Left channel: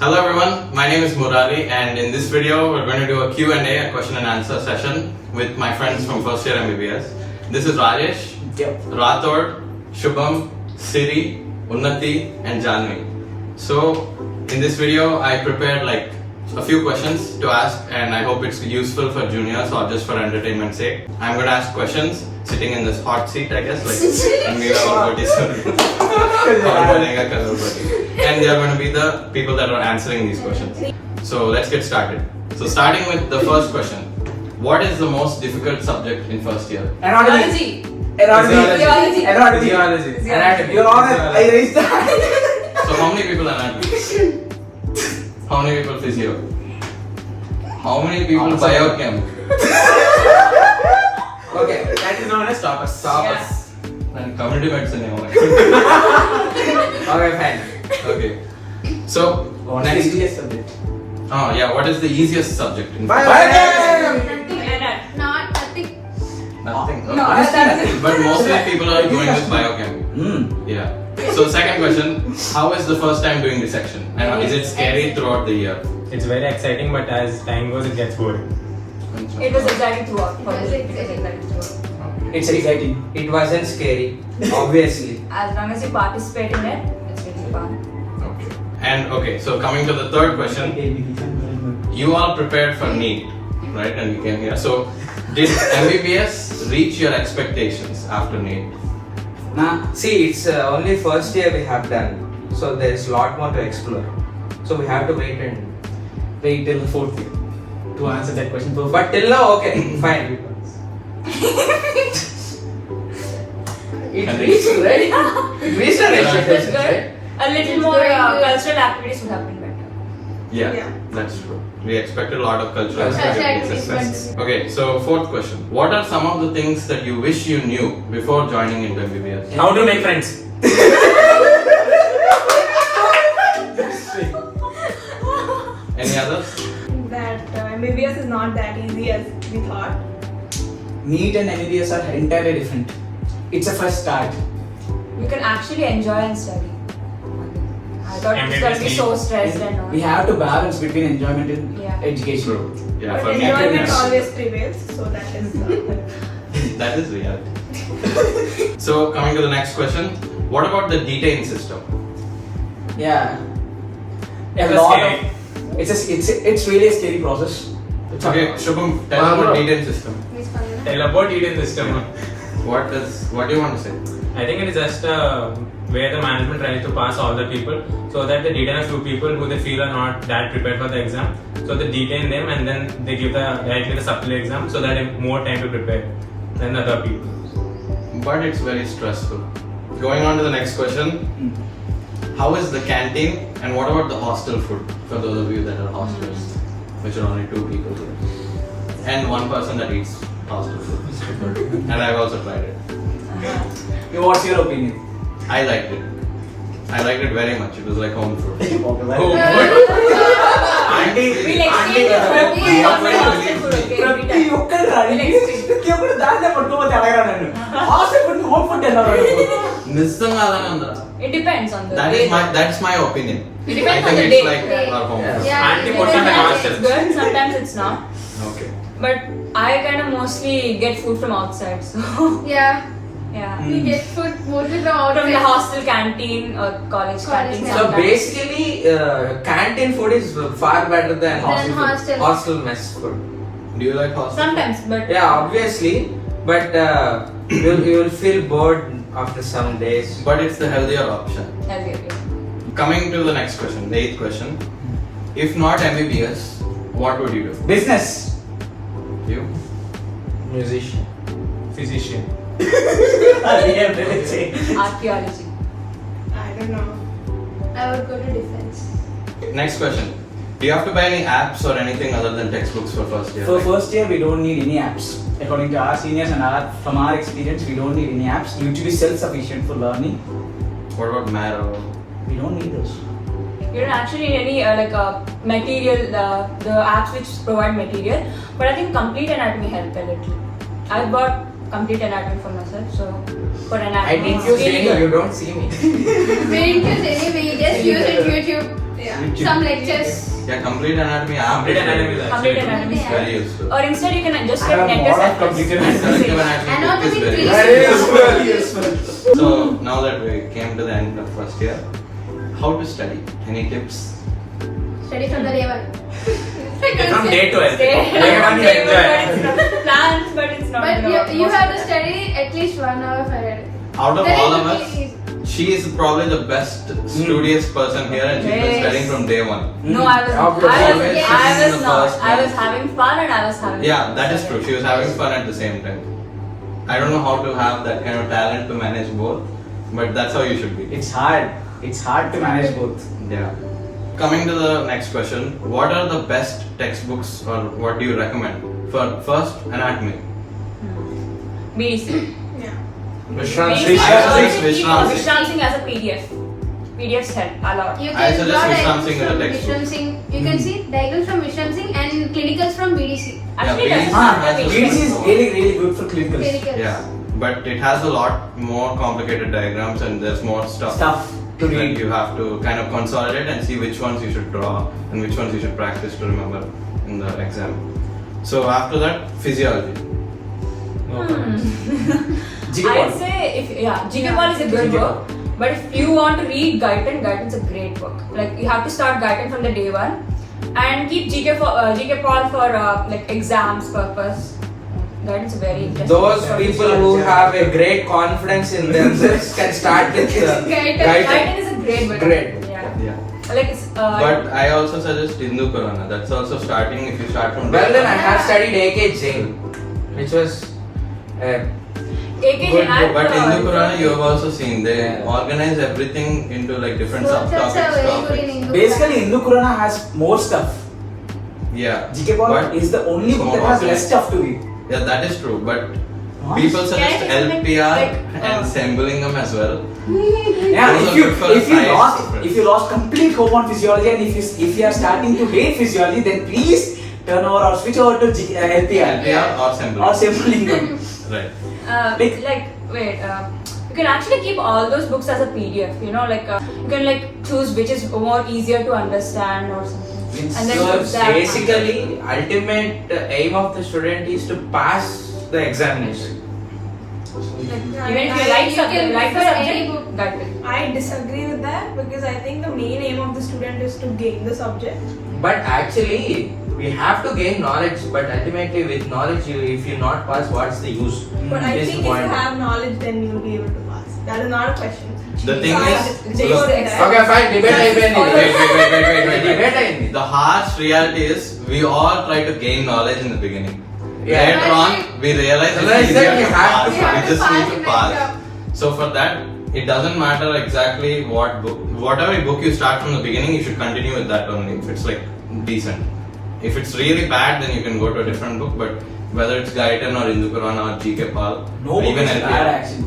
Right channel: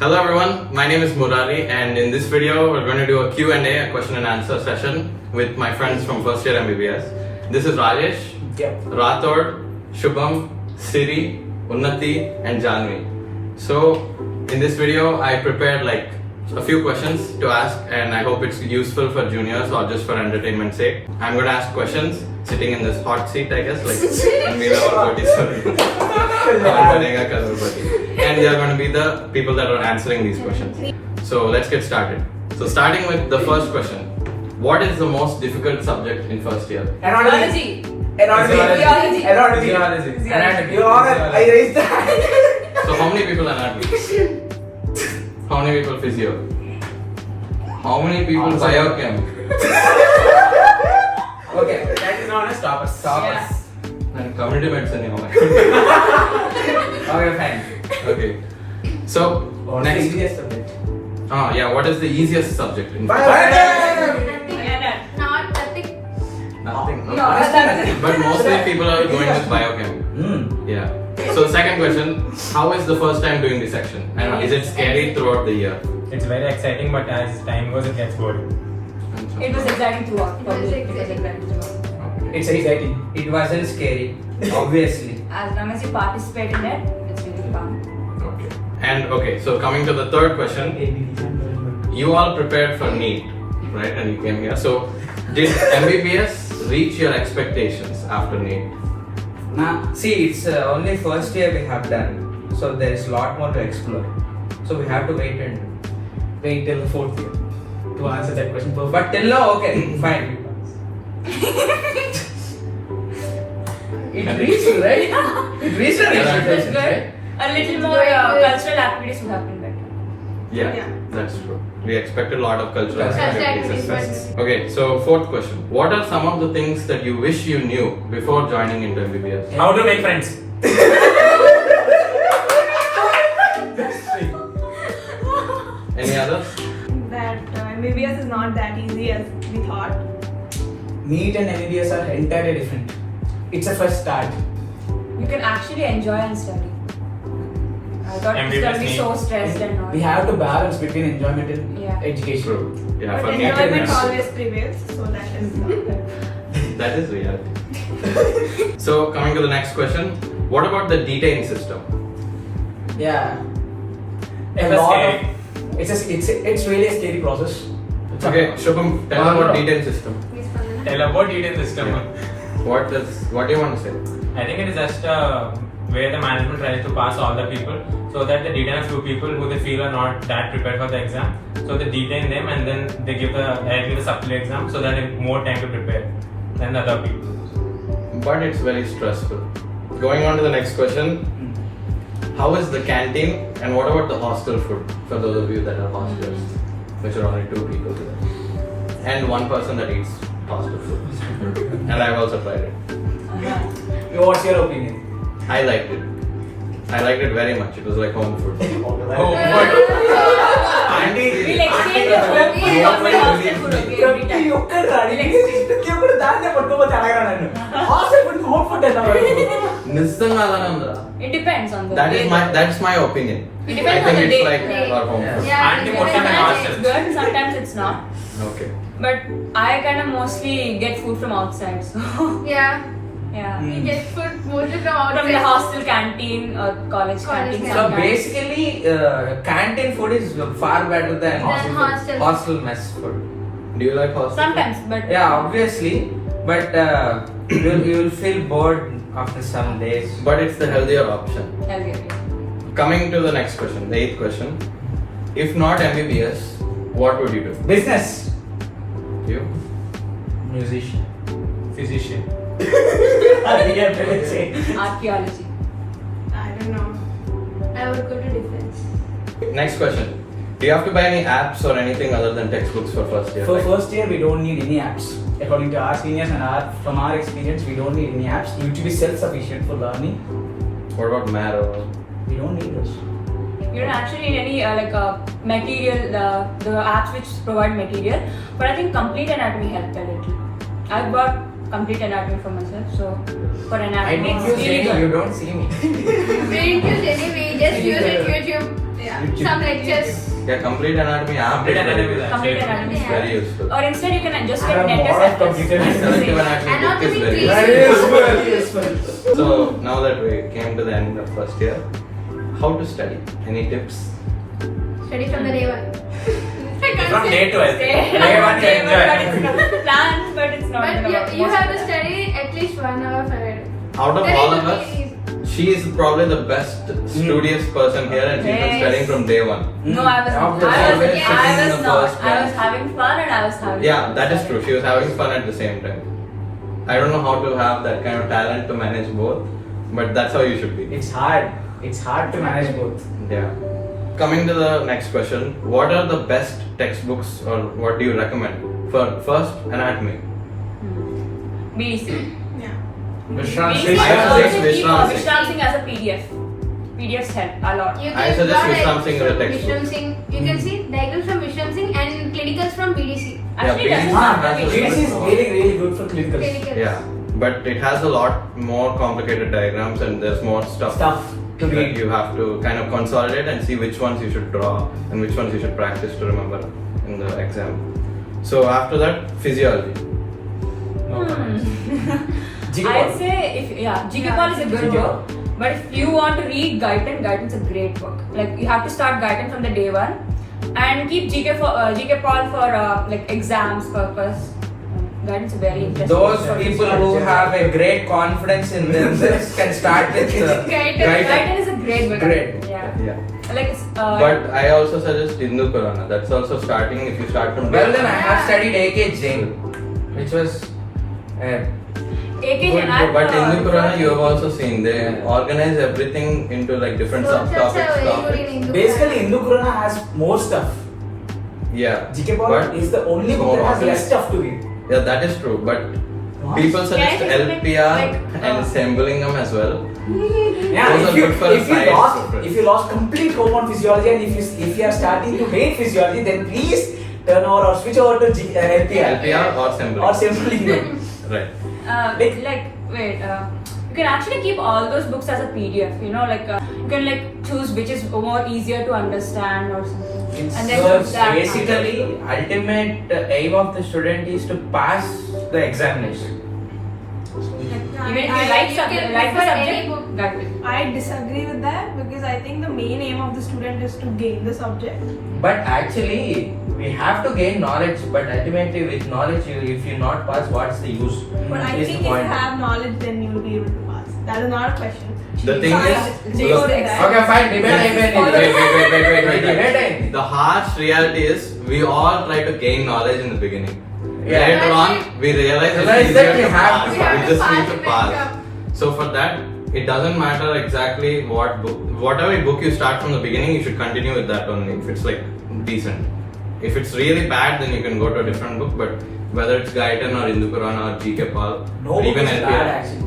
Hello everyone, my name is Murali and in this video we're going to do a Q&A, a question and answer session with my friends from first year MBBS. This is Rajesh, Rathod, Shubham, Siri, Unnati and Janvi. So in this video I prepared like a few questions to ask and I hope it's useful for juniors or just for entertainment's sake. I'm going to ask questions sitting in this hot seat I guess and they are going to be the people that are answering these questions. So let's get started. So starting with the first question. What is the most difficult subject in first year? Anatomy. Physiology. I raised the hand. So how many people anatomy? How many people physio? How many people biochem? Okay, that is known as toppers. And community medicine. Okay, fine. Okay. So next. Easiest subject. Oh yeah, what is the easiest subject in Nothing. No, Okay. But mostly people are going with biochem. Yeah. So second question, how is the first time doing dissection? And is it scary throughout the year? It's very exciting, but as time goes, it gets boring. It was exciting throughout. For me, it was exciting throughout. It's exciting. It wasn't scary, obviously. As long as you participate in it, it's really fun. Okay. And okay, so coming to the third question, you all prepared for NEET, right? And you came here. So did MBBS reach your expectations after NEET? See, it's only first year we have done, so there is a lot more to explore. So we have to wait till the fourth year to answer that question. But till now, okay, fine. It reached, right? It reached our expectations, right? A little more cultural activities would have been better. Yeah, that's true. We expected a lot of cultural Cultural activities. Okay, so fourth question. What are some of the things that you wish you knew before joining into MBBS? How to make friends? Any others? That MBBS is not that easy as we thought. NEET and MBBS are entirely different. It's a first start. You can actually enjoy and study. I thought it was going to be so stressed and all. We have to balance between enjoyment and education. True. Yeah, But for me, enjoyment always prevails, so that is that is reality. So coming to the next question, what about the detain system? Yeah. It was scary. It's really a scary process. Okay, Shubham, tell about detain system. Tell about detain system. What do you want to say? I think it is just where the management tries to pass all the people so that they detain a few people who they feel are not that prepared for the exam. So they detain them and then they give directly the supply exam so that they have more time to prepare than the other people. But it's very stressful. Going on to the next question. How is the canteen and what about the hostel food for those of you that are hostlers, which are only 2 people here, and 1 person that eats hostel food, and I've also tried it. What's your opinion? I liked it. I liked it very much. It was like home food. Oh, We'll exchange the home food for hostel food, okay? Every time. It depends on the day. That's my opinion. It depends I on the think day. it's like our home food. Auntie puts on the Sometimes hostels. it's good, sometimes it's not. Okay. But I kind of mostly get food from outside, so Yeah, yeah. we get food mostly from outside. From the hostel canteen or college canteen. canteen. So sometimes. basically, canteen food is far better than hostel mess food. Do you like hostel? Sometimes, but Yeah, obviously, but you will feel bored after some days. But it's the healthier option. healthier, yeah. Coming to the next question, the 8th question. If not MBBS, what would you do? Business. You? Musician. physician. Archaeology. I don't know. I would go to defense. Next question. Do you have to buy any apps or anything other than textbooks for first year? For first year, we don't need any apps. According to our seniors and from our experience, we don't need any apps. We need to be self-sufficient for learning. What about Maro? We don't need those. You don't actually need any material, the apps which provide material. But I think Complete Anatomy helped a little. I bought Complete Anatomy for myself, so for anatomy. I didn't use any, you don't see me. We didn't use any, we just use it YouTube. Yeah. Some lectures. Yeah, complete anatomy app. Complete anatomy is Complete actually anatomy is very useful. Or instead you can just I get have net a lot of as completed And selective Anatomy anatomy book is very three. useful. Very useful. So now that we came to the end of first year, how to study? Any tips? Study from the day one. from day 12. Day Day 1 to enjoy. but it's planned, but it's not. But gonna work you most have of to the time. study at least 1 hour for it. Out of Then all it of will us, be easy. she is probably the best studious person here, and she's been Yes. studying from day one. No, I was Sitting in the not. first I was bench. having fun and I was having. Yeah, that is true. She was having fun at the same time. I don't know how to have that kind of talent to manage both, but that's how you should be. It's hard. It's hard to manage both. Yeah. Coming to the next question, what are the best textbooks or what do you recommend for first anatomy? BDC. Yeah. Vishramsi. Vishram Singh as a PDF. PDFs help a lot. You I can suggest draw Vishram Singh as a from textbook. Vishram Singh. You can see diagrams from Vishram Singh and clinicals from BDC. Actually, Yeah, it doesn't Ah, have the BDC visuals. is really good for clinicals. Clinicals. Yeah, but it has a lot more complicated diagrams and there's more stuff To that read. you have to kind of consolidate and see which ones you should draw and which ones you should practice to remember in the exam. So after that, physiology. No comments. I'd say GK Ball is a good book, but if you want to read Guyton, Guyton's a great book. Like you have to start Guyton from the day one, and keep GK Paul for like exams purpose. Guyton's a very interesting. Those book for people physiology. who have a great confidence in themselves can start with Guyton. Guyton is a great book. Great. Yeah. Yeah. Like it's. But I also suggest Hindu Corona. That's also starting if you start from Well day then I one. have studied AK Jain, which was AK Good Jain, book, but Hindu Corona you have referred also seen. They organize everything into like different Concepts are subtopics, very good in topics. Hindu. Basically, Hindu Kurana has more stuff. Yeah. GK Paul But is the only it's book more that has organized. less stuff to read. Yeah, that is true. But What? people suggest Yeah, it's like- LPR like, and Sembulingam as well. Yeah, Those if are you good for if you science lost preference. if you lost complete hope on physiology and if you are starting to hate physiology, then please turn over or switch over to LPR LPR or Sembulingam. or Sembulingam. Right. Wait, you can actually keep all those books as a PDF, you know, like you can like choose which is more easier to understand or something. And then so put that. basically ultimate aim of the student is to pass the examination. Even if you like You subject, can like the prefer any subject, book. that will. I disagree with that because I think the main aim of the student is to gain the subject. But actually we have to gain knowledge, but ultimately with knowledge if you not pass, what's the use? But I Is think the if point. you have knowledge, then you will be able to pass. That is not a question. The thing So I is, go look, with that. Okay, fine, debate. Wait. Debate. The harsh reality is we all try to gain knowledge in the beginning. Yeah. Later on, we realize Realize it's that easier we to have pass. to- we have We to just pass need in to the pass. exam. So for that, it doesn't matter exactly what book, whatever book you start from the beginning, you should continue with that only. If it's like decent. If it's really bad, then you can go to a different book. But whether it's Guyton or Hindu Purana or GK Pal, No or book even is LPR, bad actually.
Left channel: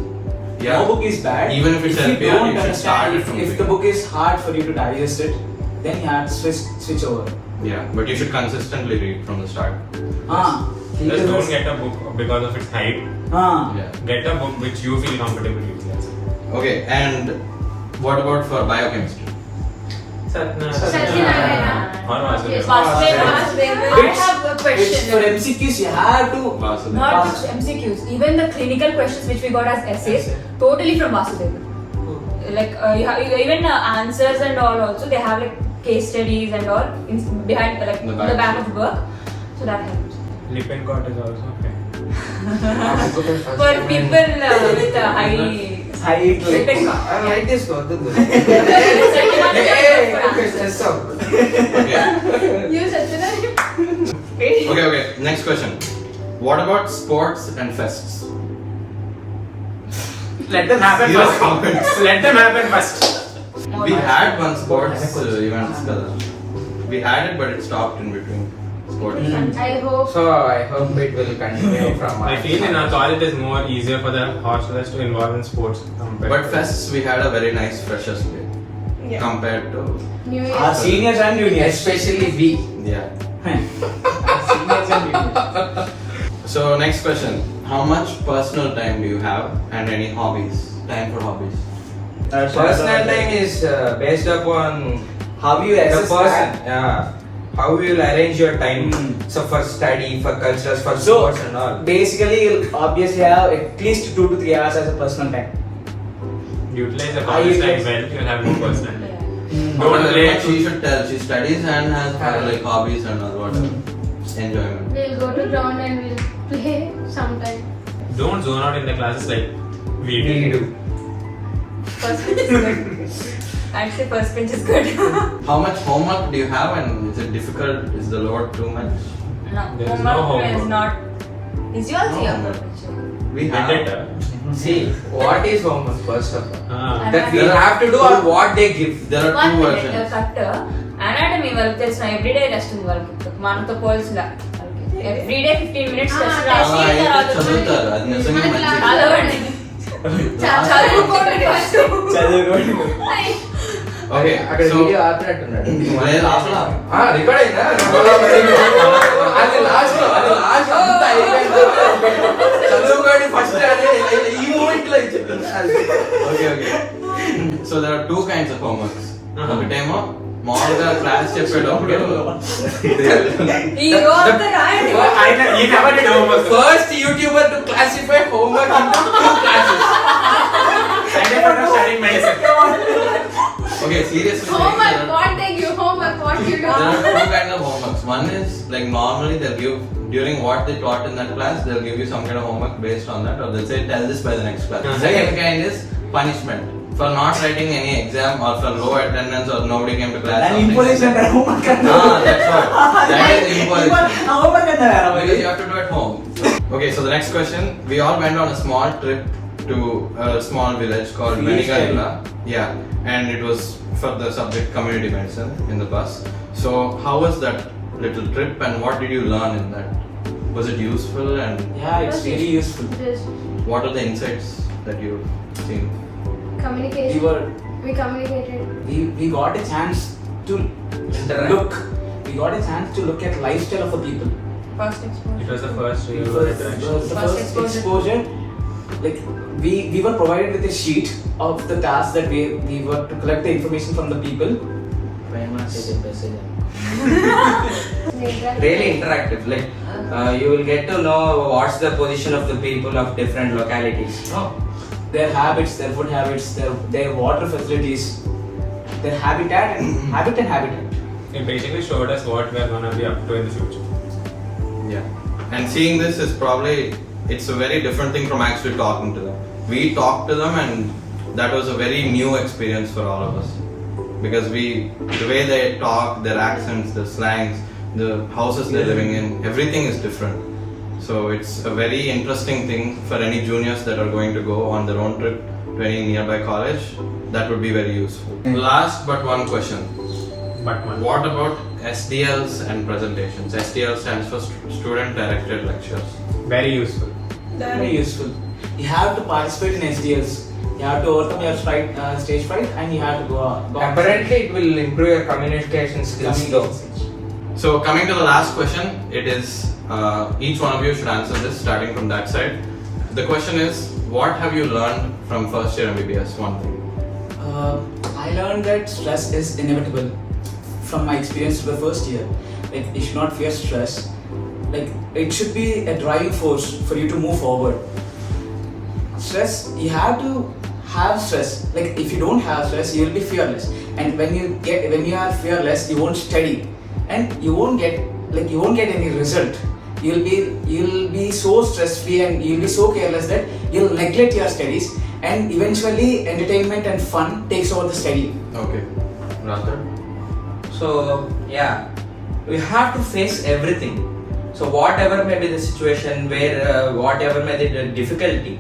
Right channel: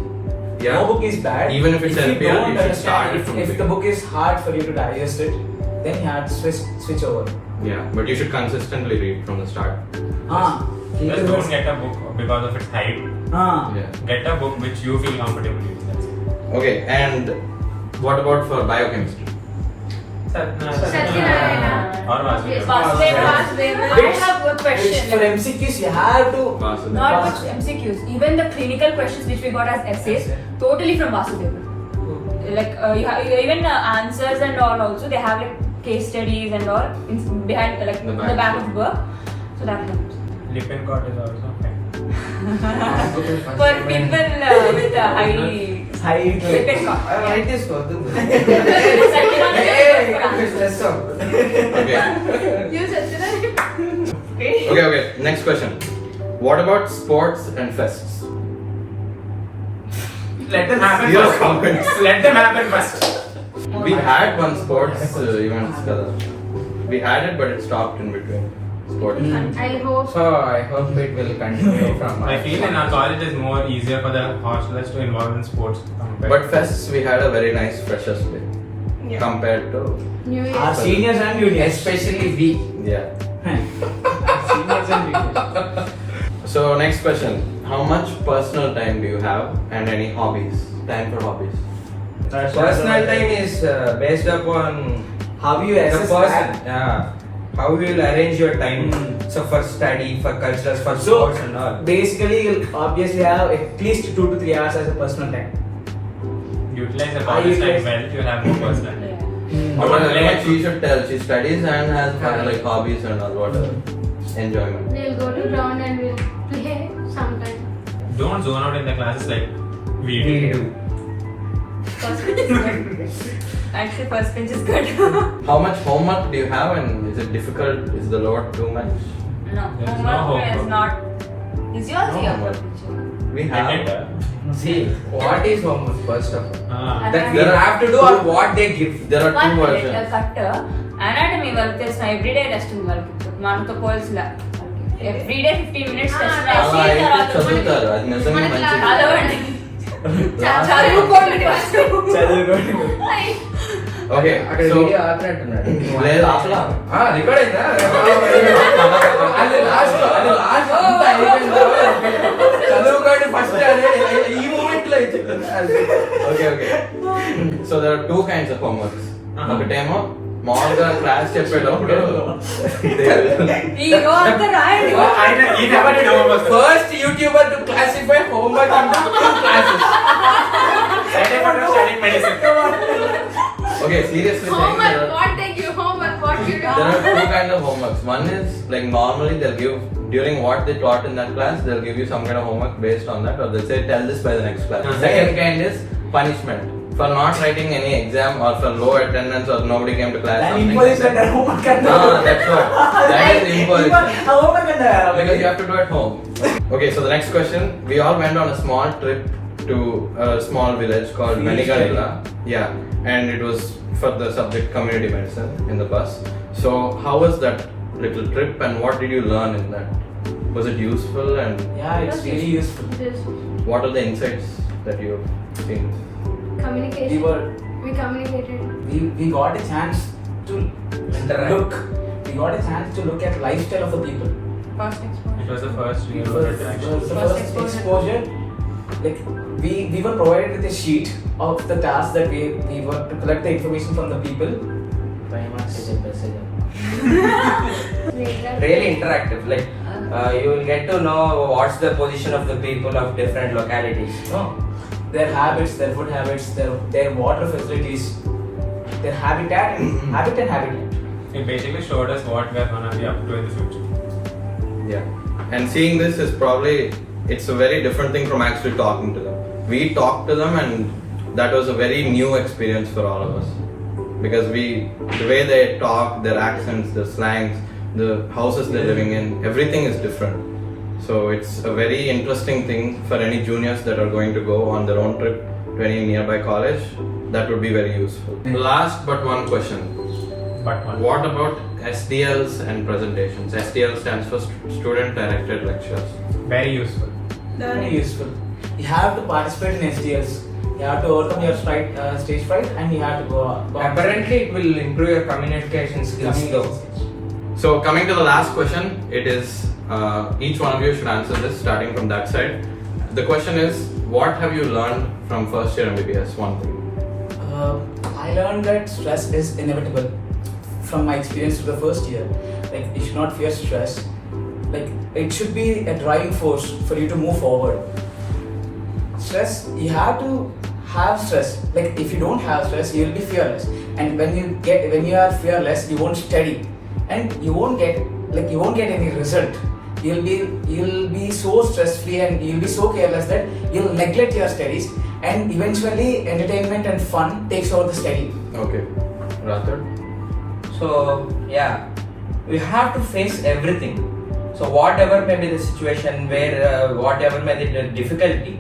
yeah, No book is bad. Even if it's you LPR, don't you should start understand, it from if the beginning. book is hard for you to digest it, then you have to switch over. Yeah, but you should consistently read from the start. Ah, Just don't get a book because of its height. Ah, Yeah. Get a book which you feel comfortable using. Okay, and what about for biochemistry? Satyanarayana. Or Vasudeva. Vasudeva. I have a it's question. for MCQs you have to. Vasudeva. Not just MCQs, even the clinical questions which we got as essays, totally from Vasudeva. Like you have even answers and all also they have like case studies and all behind like The the back. back of the book, so that helps. Lipin coat is also okay. For people with a high High lipid count. Write this one. Okay. You Satyanarayana. Okay. Next question. What about sports and fests? Let them happen Zero first. comments. Let them happen first. We had one sports event. We had it, but it stopped in between. Sports. I hope. So I hope it will continue from I feel in our college it is more easier for the hostelers to involve in sports compared. But fests, we had a very nice freshers day Yeah. compared to New Year. Our seniors and juniors. especially we. yeah. Seniors and juniors. So next question: how much personal time do you have, and any hobbies? Time for hobbies. Personal time is based upon how you The assess person, that. yeah. How you will arrange your time, so for study, for cultures, for sports and all. Basically, you'll obviously have at least 2 to 3 hours as a personal time. Utilize the college time well, you'll have no personal time. What she should tell? She studies and has like hobbies and all whatever. Enjoyment. We'll go to ground and we'll play sometime. Don't zone out in the classes like we do. First bench is good. I'd say first bench is good. How much homework do you have and is it difficult? Is the load too much? No, There is no homework is homework. not. Is yours No your homework. homework? We have. See, what is homework first of all? That we There are have to do or what they give. There are One two minute, versions. factor. Anatomy వాళ్ళకి తెలిసిన everyday test ఉంది వాళ్ళకి మనతో పోల్సిలా everyday 15 minutes test రాసి అయితే తర్వాత చదువుతారు అది నిజంగా మనకి మంచిది. చదవండి Last- చదువుకోండి ఫస్ట్ Okay, అక్కడ so వీడియో ఆపినట్టున్నాడు. లేదు అసలు రికార్డ్ అయిందా? అది లాస్ట్ అంతా అయిపోయిన తర్వాత చదువుకోండి ఫస్ట్ ఈ మూమెంట్ లో చెప్పింది. Okay okay so there are two kinds of homeworks ఒకటేమో మామూలుగా క్లాస్ చెప్పేటప్పుడు ఈ రోజు రాయండి first YouTuber to classify homework into classes. Studying medicine. Okay seriously Homework, what they give, homework, what you do. there are two kinds of homeworks. One is like normally they'll give during what they taught in that class, they'll give you some kind of homework based on that, or they'll say tell this by the next class. Second kind is punishment for not writing any exam or for low attendance or nobody came to class. And something imposition like that. homework That's what. That is imposition. homework Because you have to do it home. Okay, so the next question. We all went on a small trip to a small village called Venigarilla. Yeah, and it was for the subject community medicine in the bus. So how was that little trip and what did you learn in that? Was it useful and Yeah, it's really useful. This what are the insights that you've seen? communication. We communicated. We got a chance to Interact. look. We got a chance to look at lifestyle of the people. First It was the first real It was interaction. the First first exposure. exposure. Like we were provided with a sheet of the task that we were to collect the information from the people. Really interactive. Like you will get to know what's the position of the people of different localities. No. Their habits, their food habits, their water facilities, their habitat and habitat. It basically showed us what we're gonna be up to in the future. Yeah, and seeing this is probably it's a very different thing from actually talking to them. We talked to them and that was a very new experience for all of us because the way they talk, their accents, their slangs, the houses they're living in, everything is different. So it's a very interesting thing for any juniors that are going to go on their own trip to any nearby college. That would be very useful. Last but one question. But one. What about SDLs and presentations? SDL stands for Student Directed Lectures. Very useful. Very useful. You have to participate in SDLs. You have to overcome your stage fright and you have to go on. Apparently, it will improve your communication skills though. So coming to the last question, it is each one of you should answer this starting from that side. The question is, what have you learned from first year MBBS? One thing. I learned that stress is inevitable from my experience to the first year. Like you should not fear stress. Like it should be a driving force for you to move forward. Stress, you have to have stress. Like if you don't have stress, you will be fearless. And when you are fearless, you won't study, and you won't get any result. You'll be so stress free and you'll be so careless that you'll neglect your studies, and eventually entertainment and fun takes over the study. Okay. Rathod? So yeah, we have to face everything. So whatever may be the situation, where whatever may be the difficulty,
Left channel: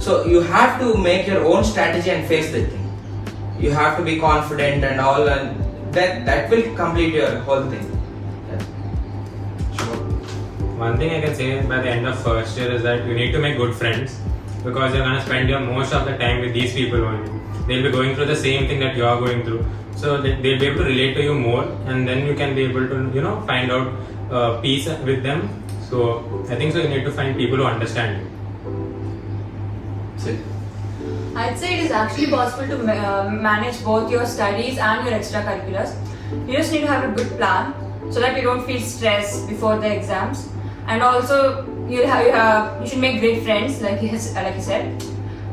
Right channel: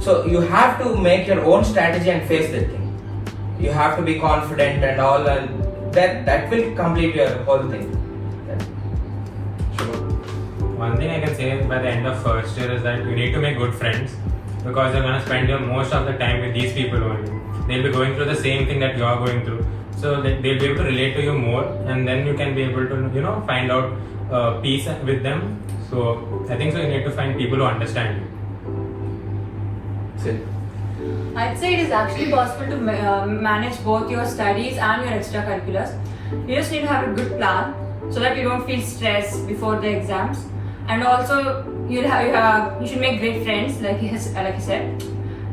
so you have to make your own strategy and face the thing. You have to be confident and all, and that will complete your whole thing. One thing I can say by the end of first year is that you need to make good friends because you're gonna spend your most of the time with these people only. They'll be going through the same thing that you're going through, so they'll be able to relate to you more, and then you can be able to find out peace with them. So I think so you need to find people who understand you. Sid? I I'd say it is actually possible to manage both your studies and your extracurriculars. You just need to have a good plan so that you don't feel stressed before the exams. And also, you should make great friends, like you said.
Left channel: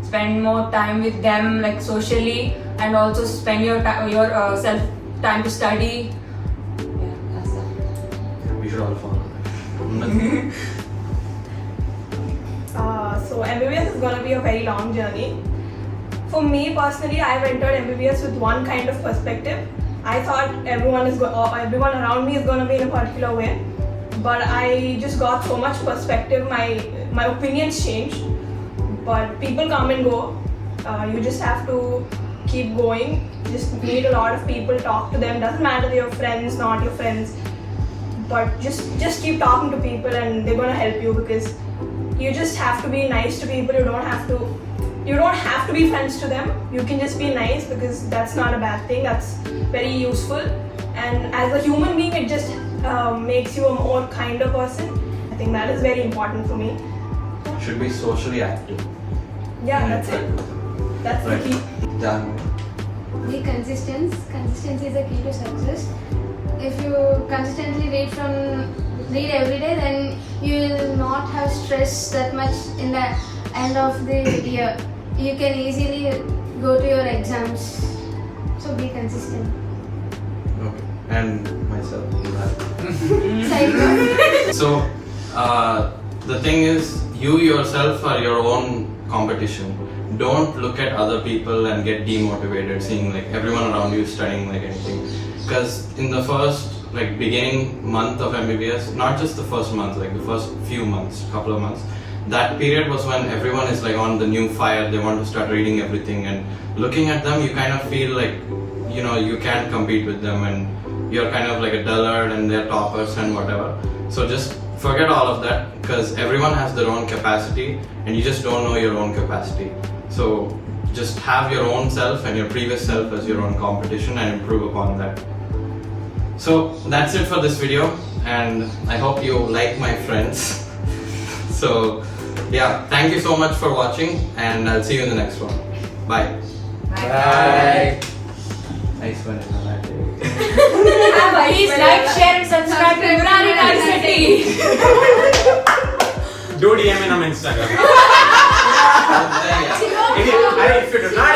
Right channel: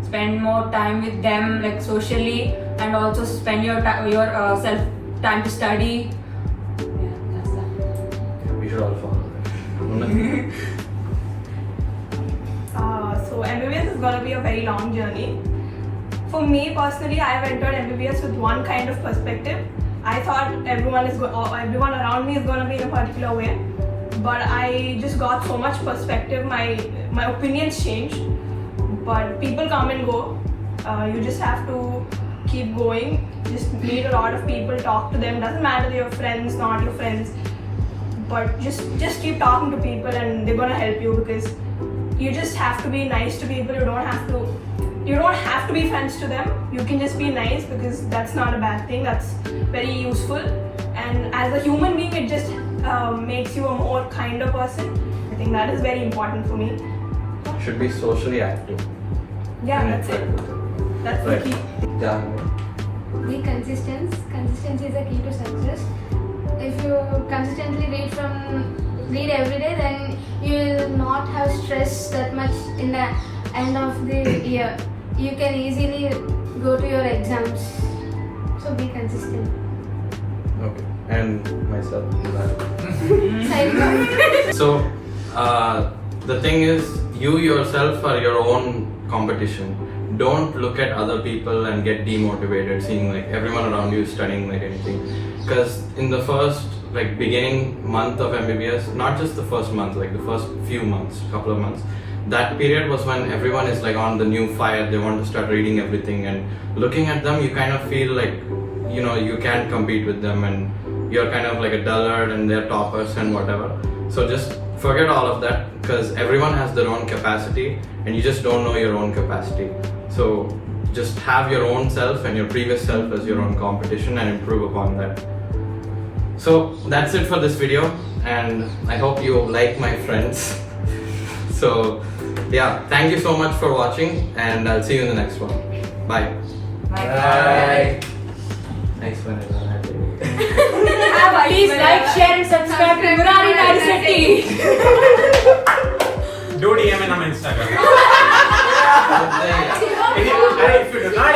Spend more time with them, like socially, and also spend your self time to study. Yeah, that's that. We should all follow that. So MBBS is gonna be a very long journey. For me personally, I've entered MBBS with one kind of perspective. I thought everyone around me is gonna be in a particular way, but I just got so much perspective. My opinions changed. But people come and go. You just have to keep going. Just meet a lot of people, talk to them. Doesn't matter if you're friends, not your friends. But just keep talking to people, and they're gonna help you, because you just have to be nice to people. You don't have to be friends to them. You can just be nice, because that's not a bad thing. That's very useful. And as a human being, it just makes you a more kinder person. I think that is very important for me. Should be socially active. Yeah, that's it. That's the key. Yeah. Be consistent. Consistency is the key to success. If you consistently read every day, then you will not have stress that much in the end of the year. You can easily go to your exams. So be consistent. Okay. And myself. Side note. So, the thing is, you yourself are your own competition. Don't look at other people and get demotivated seeing like everyone around you is studying like anything. Because in the first beginning month of MBBS, not just the first month, like the first few months, couple of months, that period was when everyone is like on the new fire. They want to start reading everything, and looking at them, you kind of feel like, you know, you can't compete with them, and you're kind of like a dullard and they're toppers and whatever. So just forget all of that, because everyone has their own capacity and you just don't know your own capacity. So just have your own self and your previous self as your own competition and improve upon that. So that's it for this video, and I hope you like my friends. So yeah, thank you so much for watching, and I'll see you in the next one. Bye. Bye. Thanks for that. Please like, share, and subscribe to Murari City. Do DM in on Instagram. If you do not